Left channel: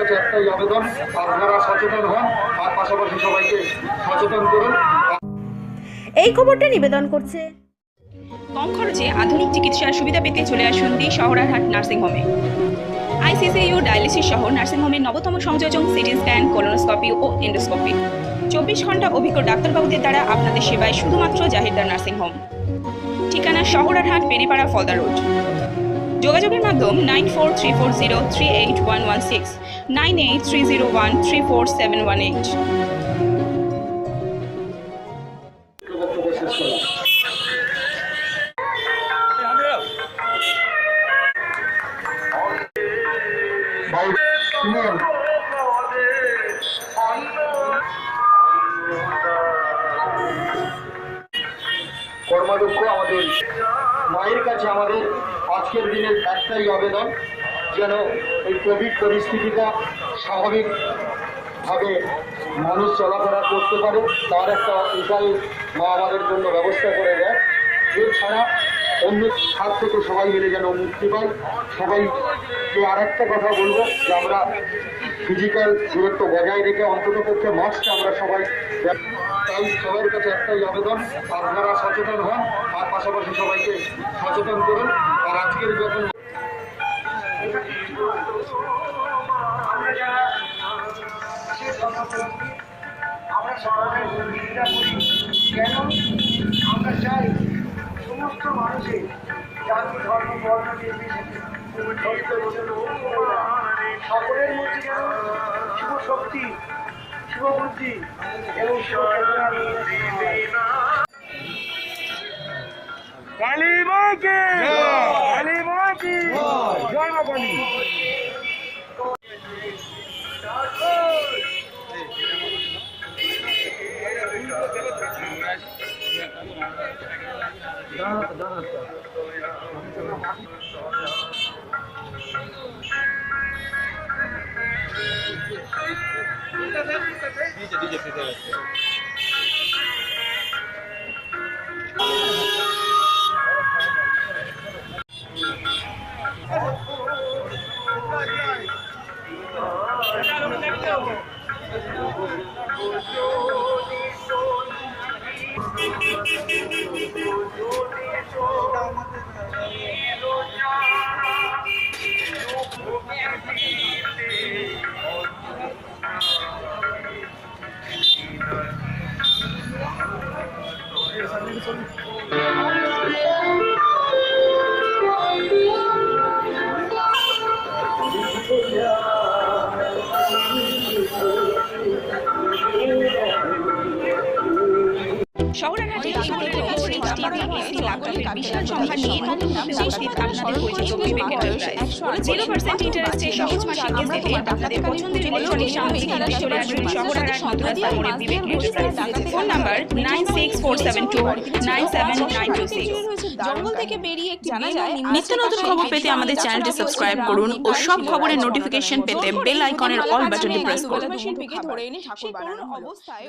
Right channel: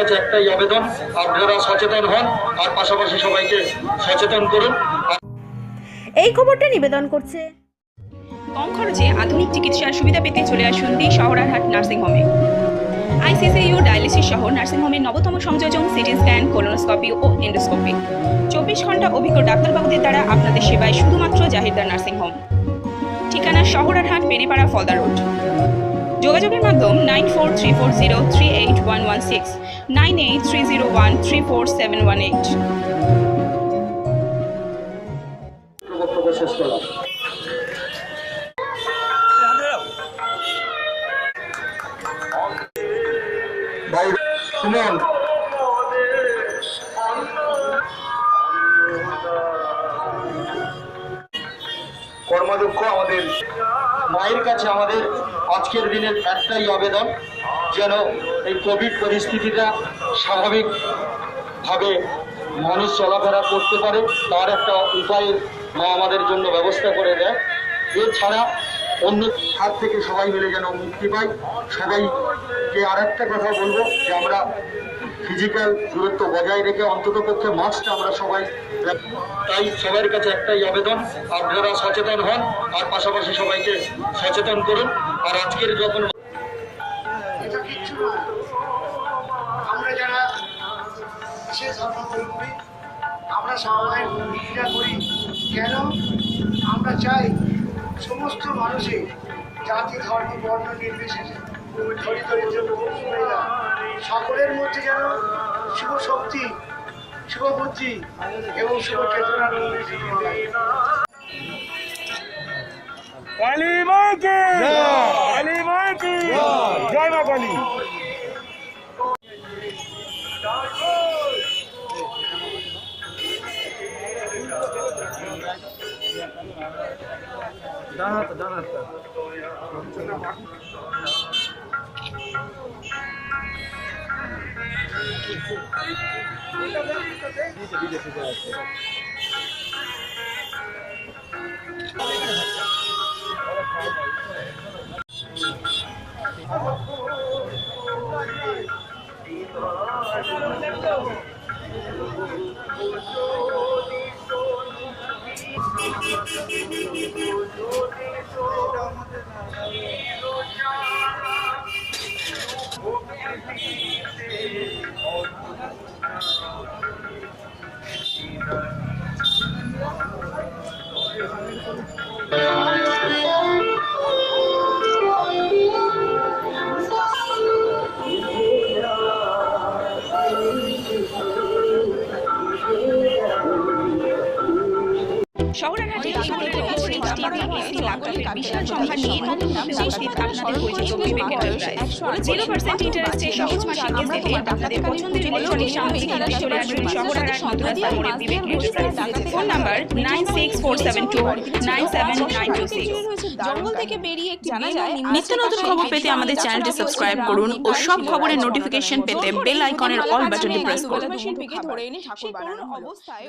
কাছে একটাই আবেদন, আপনারা সচেতন হন আর পাশাপাশি সবাইকে সচেতন করুন। এই খবরটা নিবেদন করছে কম খরচে আধুনিক চিকিৎসার সুবিধা পেতে চলে আসুন দি শহরারহাট নার্সিংহোমে। আইসিসিইউ ডায়ালিসিস সহ নার্সিংহোমের নবতম সংযোজন সিটি স্ক্যান, কোলোনোস্কোপি ও এন্ডোস্কোপি। 24 ঘন্টা অভিজ্ঞ ডাক্তারবাবুদের দ্বারা আপনাদের সেবায় শুধুমাত্র জাহিরদার নার্সিংহোম। ঠিকানা শহরারহাট, বেনেপাড়া, ফলদা রোড। যোগাযোগের মাধ্যম 9434038116, 9830134718। বক্তব্য শেষ করলাম। ভাই শুনুন, কর্মাধ্যক্ষ আমাদের মায়ের কাছে আমাদের আজকের দিনের একটাই আবেদন, যেন এই কোভিড পরিস্থিতিটা স্বাভাবিকভাবে মানুষ চলাফেরা করতে পারে, তার একটা উপায় মা আমাদের জন্য ব্যবস্থা করে দেয়। এছাড়া অন্য হাত থেকে সবাই মিলে যেন মুক্তি পাই। সবাইকে আর একটা কথা বলবো যে আমরা ফিজিক্যাল দূরত্ব বজায় রেখে অন্ততপক্ষে মাস্কটা আমরা সবাই, তাই সবার কাছে একটাই আবেদন, আপনারা সচেতন হন আর পাশাপাশি সবাইকে সচেতন করুন। আর আজকের যখন এটা কিচ্ছু নয়, আমরা যারা বিশেষ ধর্মাবলম্বী আমরা সবাই পূজা করি। কেন? আমরা চাই সমস্ত মানুষের জাতি, ধর্ম, বর্ণ নির্বিশেষে, ধনী দরিদ্র, পুরুষ মহিলা সকলের মধ্যে যেন শুভ শক্তি, শুভ বুদ্ধি এবং শুভ চেতনার উন্নতি হয়। কালী মাকে কালী মাকে জয় মা কালী। শহরারহাটে বিশাল সম্ভার নিয়ে নতুন আপনাদের পরিচিত বিবেক এন্টারপ্রাইজ 0% ইন্টারেস্টে সহজ মাসিক কিস্তিতে আপনাদের পছন্দের ইলেকট্রনিক সামগ্রী কিনতে চলে আসুন শহরারহাট মধুরাস্তা মোড়ে বিবেক এন্টারপ্রাইজ। Phone number 9647297926। জঙ্গল থেকে বেরিয়ে একটি জানা যায় নিত্য নতুন খবর পেতে আমাদের চ্যানেলটি সাবস্ক্রাইব করুন ও সব খবরের নোটিফিকেশন পেতে বেল আইকনের অল বাটনটি প্রেস করুন। ধরে এনে ঠাকুর বানানো অবস্থায়